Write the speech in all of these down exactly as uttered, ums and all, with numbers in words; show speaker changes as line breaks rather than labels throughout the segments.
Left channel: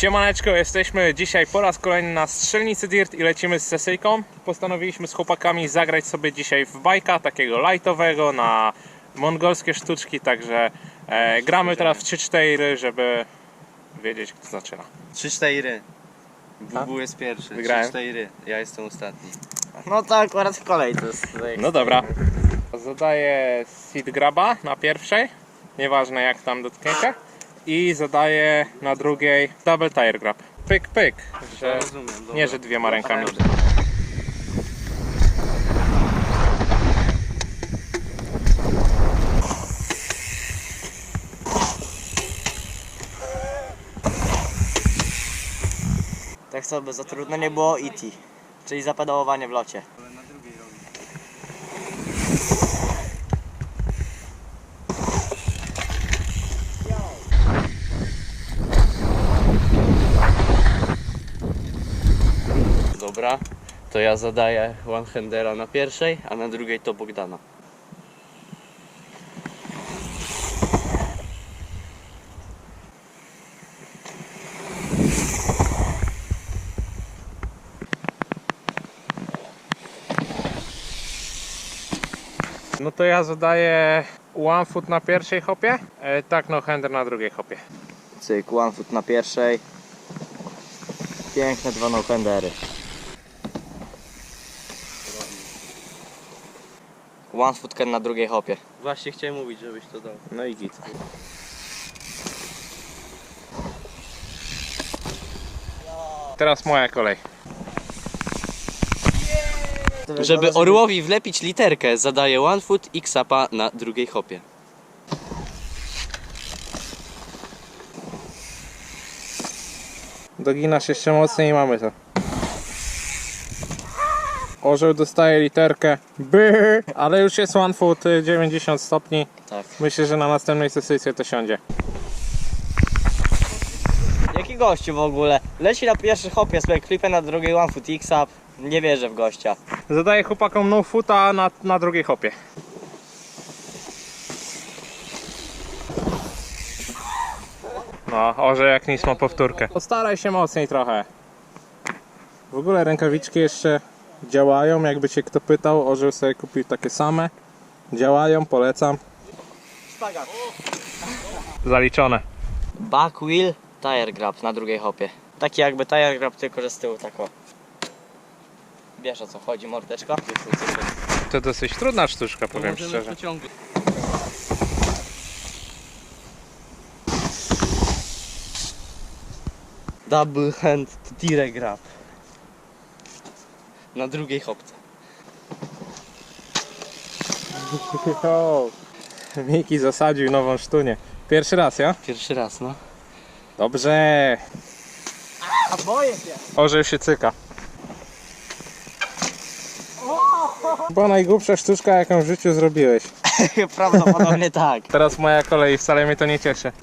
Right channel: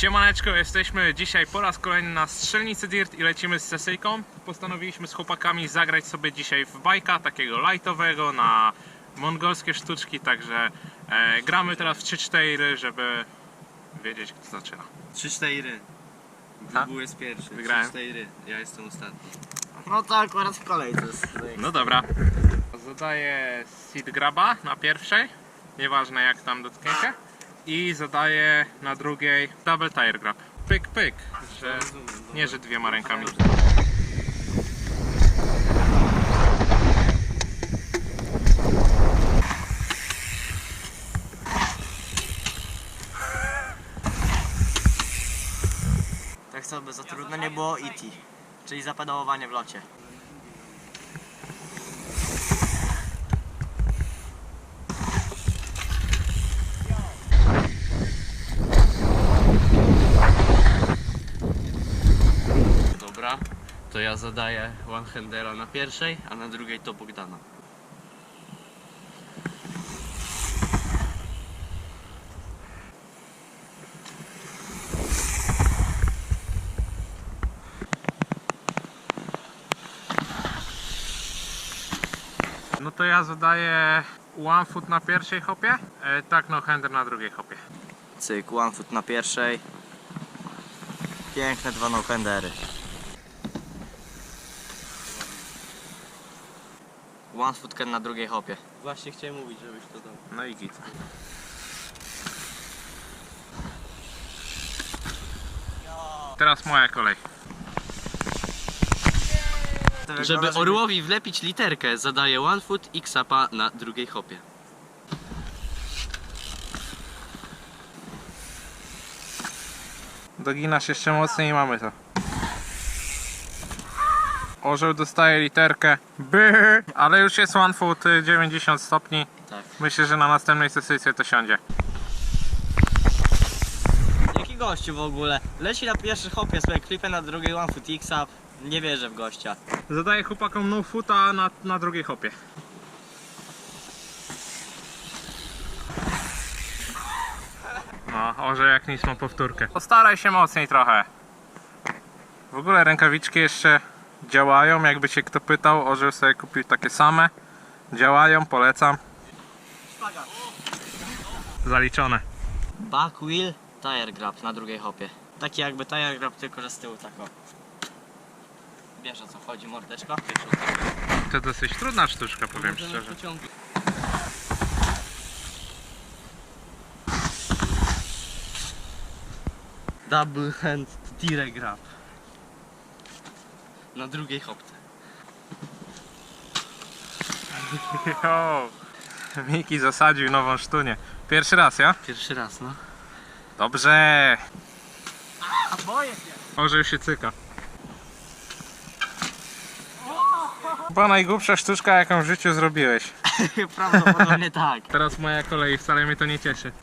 Siemaneczko, jesteśmy dzisiaj po raz kolejny na strzelnicy Dirt i lecimy z sesyjką. Postanowiliśmy z chłopakami zagrać sobie dzisiaj w bajka, takiego lightowego na mongolskie sztuczki, także e, gramy teraz w trzy cztery, żeby wiedzieć, kto zaczyna.
trzy cztery. Bubu jest pierwszy.
Wygrałem.
trzy cztery. Ja jestem ostatni.
No to akurat w kolej to jest.
No dobra. Zadaję seed graba na pierwszej, nieważne jak tam dotkniecie. I zadaję na drugiej double tire grab. Pyk, pyk, że
Rozumiem, dobra.
nie, że dwiema rękami.
Tak sobie za trudno nie było E T, czyli zapedałowanie w locie.
Dobra, to ja zadaję one-handera na pierwszej, a na drugiej to Bogdana.
No to ja zadaję one foot na pierwszej hopie, e, tak no hander na drugiej hopie.
Cyk, one foot na pierwszej. Piękne dwa no-handery. One foot na drugiej hopie.
Właśnie chciałem mówić, żebyś to dał.
No i git. Teraz moja kolej.
Żeby orłowi wlepić literkę, zadaję one foot i ksapa na drugiej hopie.
Doginasz jeszcze mocniej i mamy to. Orzeł dostaje literkę by, ale już jest one foot dziewięćdziesiąt stopni.
Tak.
Myślę, że na następnej sesyjce to siądzie.
Jaki gościu w ogóle? Leci na pierwszy hopie sobie klipę, na drugiej one foot X-up. Nie wierzę w gościa.
Zadaję chłopakom no foota na, na drugiej hopie. No, orze jak nic ma powtórkę. Postaraj się mocniej trochę. W ogóle rękawiczki jeszcze działają, jakby się kto pytał, orzeł sobie kupił takie same. Działają, polecam. Zaliczone.
Back wheel, tire grab na drugiej hopie. Taki jakby tire grab, tylko że z tyłu tak o. Wiesz o co chodzi, mordeczko?
To dosyć trudna sztuczka, powiem szczerze.
Double hand tire grab. Na drugiej hopce.
Jo. Miki zasadził nową sztunię. Pierwszy raz, ja?
Pierwszy raz, no.
Dobrze.
A boję się!
Orzeł się cyka. Chyba najgłupsza sztuczka, jaką w życiu zrobiłeś.
Prawdopodobnie tak.
Teraz moja kolej, wcale mnie to nie cieszy.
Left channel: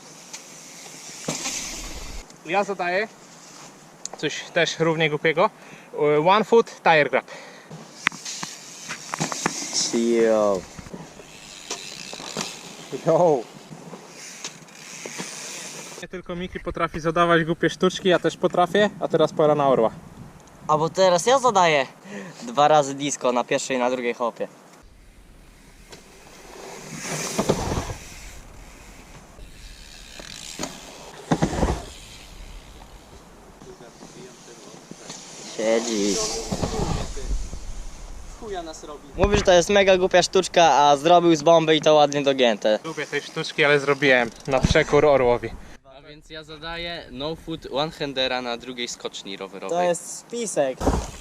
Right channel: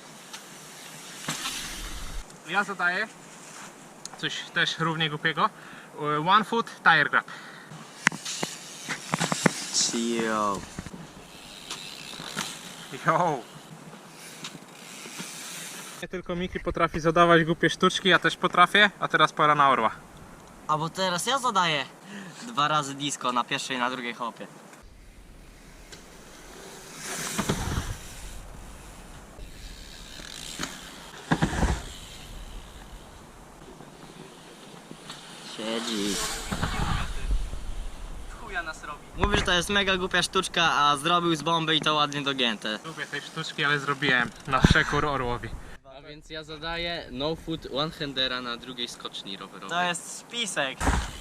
Ja zadaję coś też równie głupiego. One foot tire grab.
Yo.
Yo. Nie tylko Miki potrafi zadawać głupie sztuczki, ja też potrafię, a teraz pora na orła.
A bo teraz ja zadaję dwa razy disco na pierwszej i na drugiej hopie. Siedzi.
Chuja nas robi.
Mówi, że to jest mega głupia sztuczka, a zrobił z bomby i to ładnie dogięte.
Lubię tej sztuczki, ale zrobiłem na przekór orłowi.
A więc ja zadaję no foot one-handera na drugiej skoczni rowerowej.
To jest spisek.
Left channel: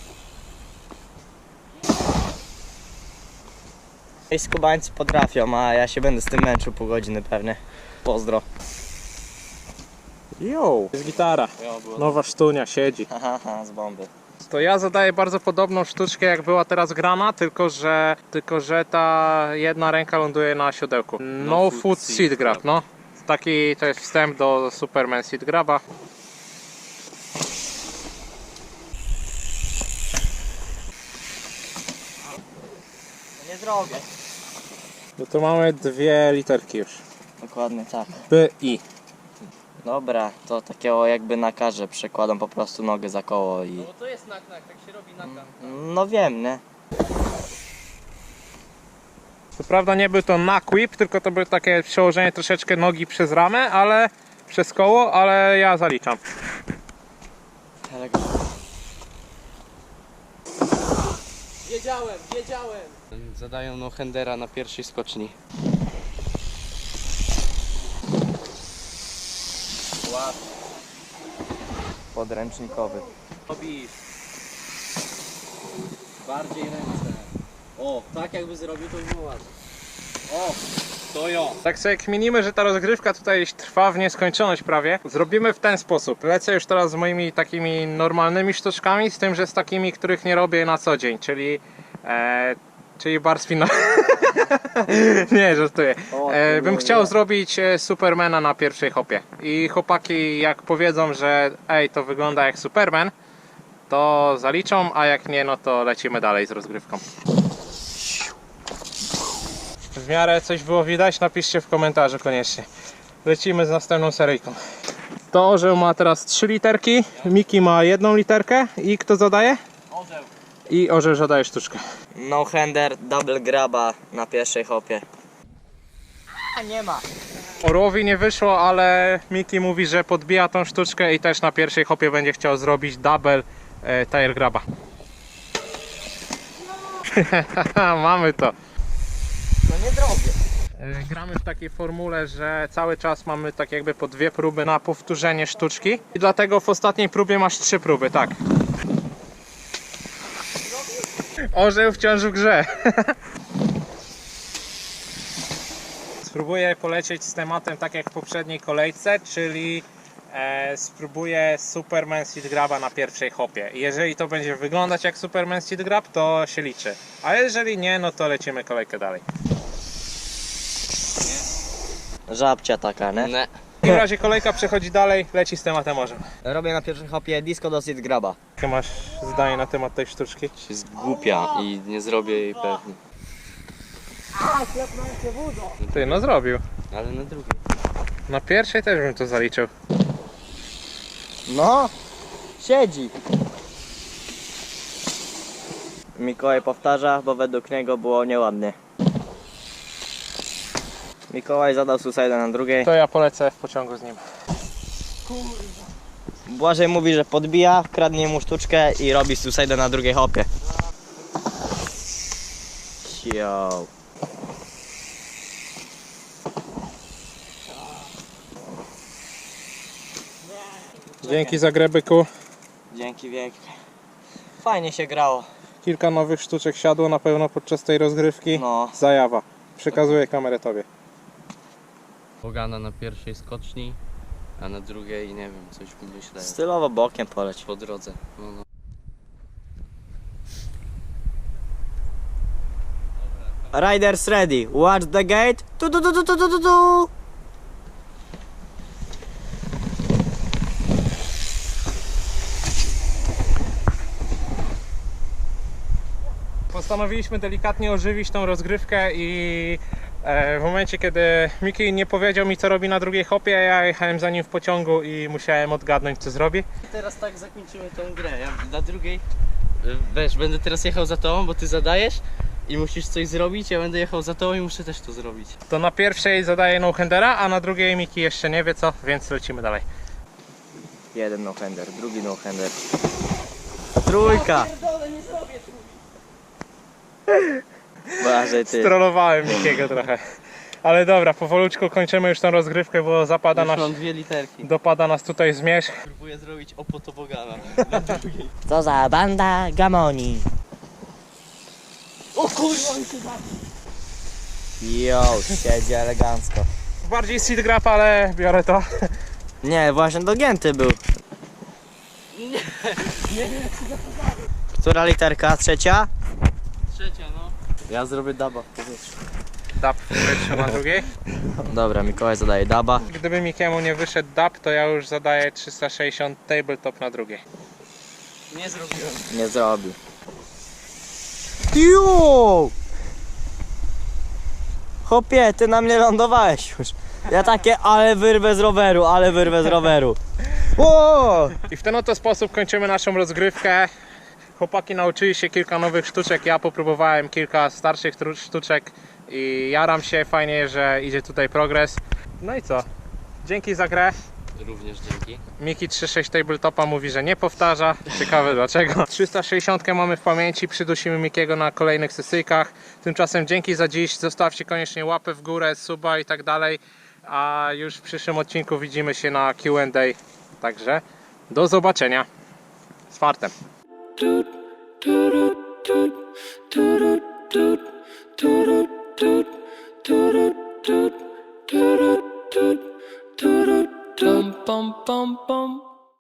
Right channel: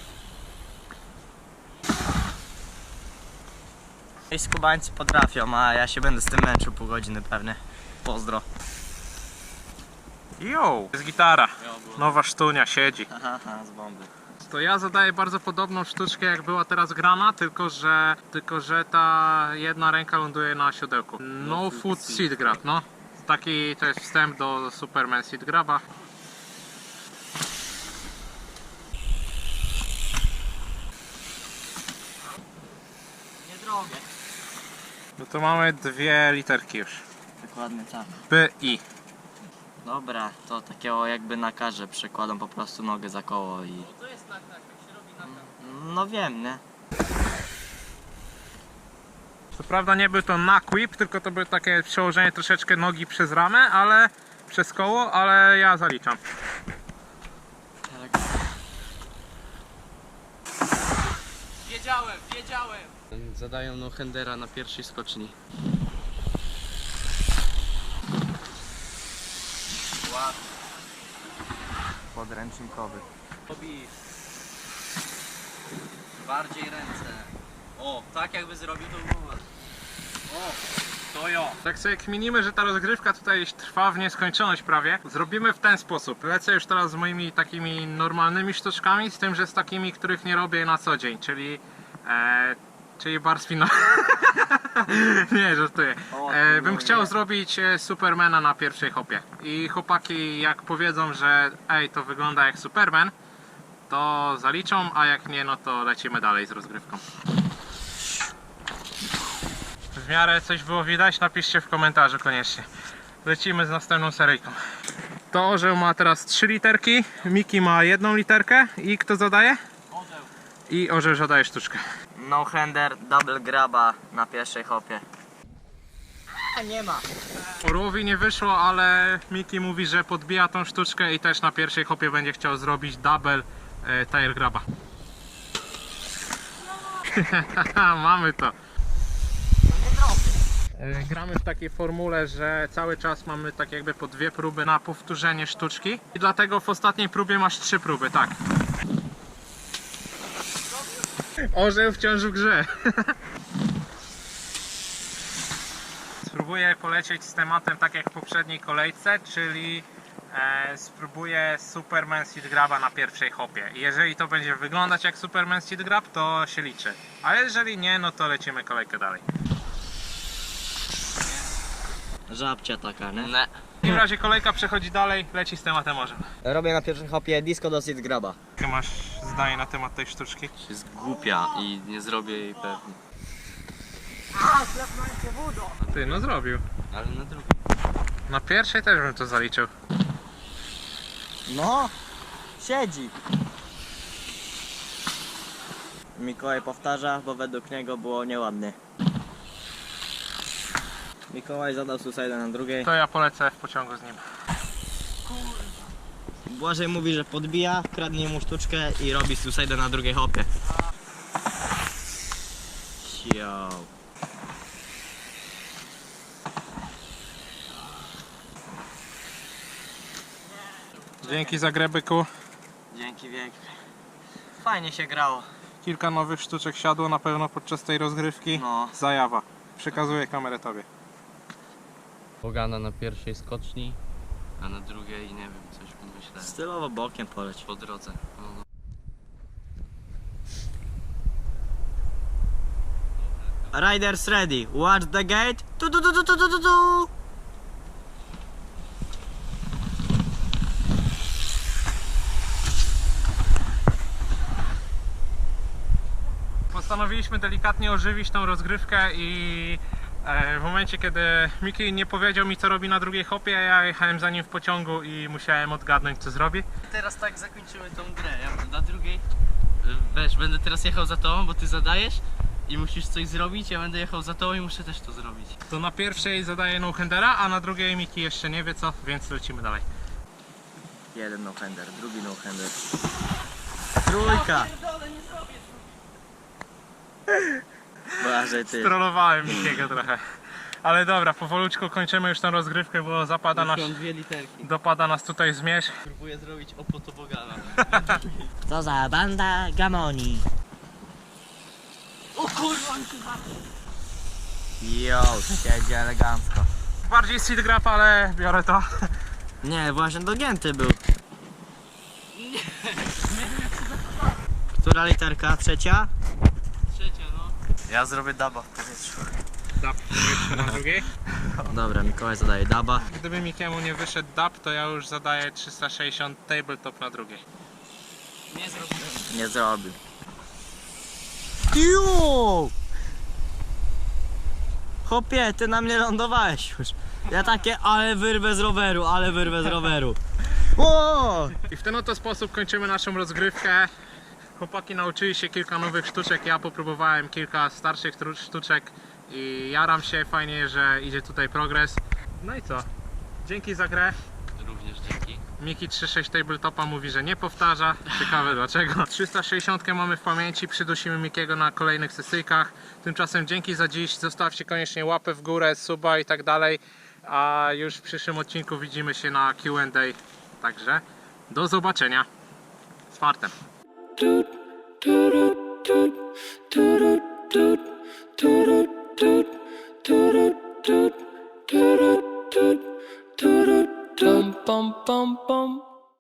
I skubańcy potrafią, a ja się będę z tym męczył pół godziny pewnie. Pozdro.
Yo. Jest gitara.
Ja było-
Nowa sztunia, siedzi.
Haha, z bomby.
To ja zadaję bardzo podobną sztuczkę, jak była teraz grana, tylko że, tylko że ta jedna ręka ląduje na siodełku. No
foot
foot
seat
seat grab,
grab.
no. Taki to jest wstęp do Superman seat graba.
Nie zrobię.
No to mamy dwie literki już.
Dokładnie tak.
B, I.
Dobra, to takiego jakby na karze przekładam po prostu nogę za koło i...
to jest nak-nak, tak się robi nakam.
No wiem, nie?
Co prawda nie był to knock whip, tylko to było takie przełożenie troszeczkę nogi przez ramę, ale przez koło, ale ja zaliczam.
Wiedziałem, wiedziałem! Zadają no-handera na pierwszej skoczni.
Podręcznikowy.
Robisz. Bardziej ręce. O, tak jakby zrobił, to by było ładne. O, to jo.
Tak sobie kminimy, że ta rozgrywka tutaj trwa w nieskończoność prawie. Zrobimy w ten sposób. Lecę już teraz z moimi takimi normalnymi sztuczkami, z tym, że z takimi, których nie robię na co dzień, czyli... E, czyli bar spin. Nie, żartuję. E, bym chciał zrobić e, Supermana na pierwszej hopie. I chłopaki jak powiedzą, że ej, to wygląda jak Superman, to zaliczą, a jak nie, no to lecimy dalej z rozgrywką. W miarę coś było widać, napiszcie w komentarzu koniecznie. Lecimy z następną seryjką. To orzeł ma teraz trzy literki, Miki ma jedną literkę i kto zadaje?
Orzeł.
I orzeł zadaje sztuczkę.
No hander, double graba na pierwszej hopie. A nie ma.
Orłowi nie wyszło, ale Miki mówi, że podbija tą sztuczkę i też na pierwszej hopie będzie chciał zrobić double e, tire graba. Mamy to.
No nie zrobię.
E, Gramy w takiej formule, że cały czas mamy tak jakby po dwie próby na powtórzenie sztuczki i dlatego w ostatniej próbie masz trzy próby, tak. Orzeł wciąż w grze. Spróbuję polecieć z tematem tak jak w poprzedniej kolejce, czyli e, spróbuję Superman Seed Graba na pierwszej hopie. Jeżeli to będzie wyglądać jak Superman Seed Grab, to się liczy. A jeżeli nie, no to lecimy kolejkę dalej.
Żabcia taka, nie?
Ne.
W takim razie kolejka przechodzi dalej, leci z tematem orzem.
Robię na pierwszej hopie disco do seed graba.
Jakie masz zdanie na temat tej sztuczki?
Jest głupia i nie zrobię jej pewnie.
Ty, no zrobił.
Ale na drugiej.
Na pierwszej też bym to zaliczył.
No, siedzi. Mikołaj powtarza, bo według niego było nieładnie. Mikołaj zadał suicide na drugiej.
To ja polecę w pociągu z nim.
Błażej mówi, że podbija, kradnie mu sztuczkę i robi suicide na drugiej hopie. Yo.
Dzięki za grę, byku.
Dzięki wielkie. Fajnie się grało.
Kilka nowych sztuczek siadło na pewno podczas tej rozgrywki.
No.
Zajawa. Przekazuję kamerę tobie.
Bogana na pierwszej skoczni, a na drugiej nie wiem, coś myślę
Stylowo bokiem poleć.
po drodze. No, no.
Riders ready. Watch the gate. Tu tu tu tu tu tu tu tu.
Postanowiliśmy delikatnie ożywić tą rozgrywkę i e, w momencie, kiedy Miki nie powiedział mi, co robi na drugiej hopie, ja jechałem za nim w pociągu i musiałem odgadnąć, co zrobi.
Teraz tak zakończymy tą grę. Ja na drugiej, y, wiesz, będę teraz jechał za tobą, bo ty zadajesz i musisz coś zrobić, ja będę jechał za tobą i muszę też to zrobić.
To na pierwszej zadaje no-handera, a na drugiej Miki jeszcze nie wie co, więc lecimy dalej.
Jeden no hander, drugi no hander. Trójka. Błażej ty.
Strollowałem Mikiego trochę. Ale dobra, powolutku kończymy już tą rozgrywkę, bo zapada
Już
nas,
mam dwie literki.
dopada nas tutaj zmierzch.
Próbuję zrobić opotobogana.
Co za banda gamoni.
O kurwa, mi się zabił.
Yo, siedzi elegancko.
Bardziej seed grab, ale biorę to.
Nie, właśnie dogięty był.
Nie, nie wiem jak się zachowałem.
Która literka? Trzecia?
Trzecia, no.
Ja zrobię daba w powietrzu.
Dab na drugiej.
Dobra, Mikołaj zadaje daba.
Gdyby Mikiemu nie wyszedł dab, to ja już zadaję trzysta sześćdziesiąt tabletop na drugiej.
Nie zrobiłem.
Nie zrobił. Yo! Chłopie, ty na mnie lądowałeś już. Ja takie, ale wyrwę z roweru, ale wyrwę z roweru. O!
I w ten oto sposób kończymy naszą rozgrywkę. Chłopaki nauczyli się kilka nowych sztuczek, ja popróbowałem kilka starszych tru- sztuczek i jaram się, fajnie, że idzie tutaj progres. No i co? Dzięki za grę.
Również dzięki.
Miki trzysta sześć Tabletopa mówi, że nie powtarza. Ciekawe dlaczego. trzysta sześćdziesiąt mamy w pamięci, przydusimy Mikiego na kolejnych sesyjkach. Tymczasem dzięki za dziś, zostawcie koniecznie łapę w górę, suba i tak dalej. A już w przyszłym odcinku widzimy się na Q and A. Także do zobaczenia. Z fartem.
Toot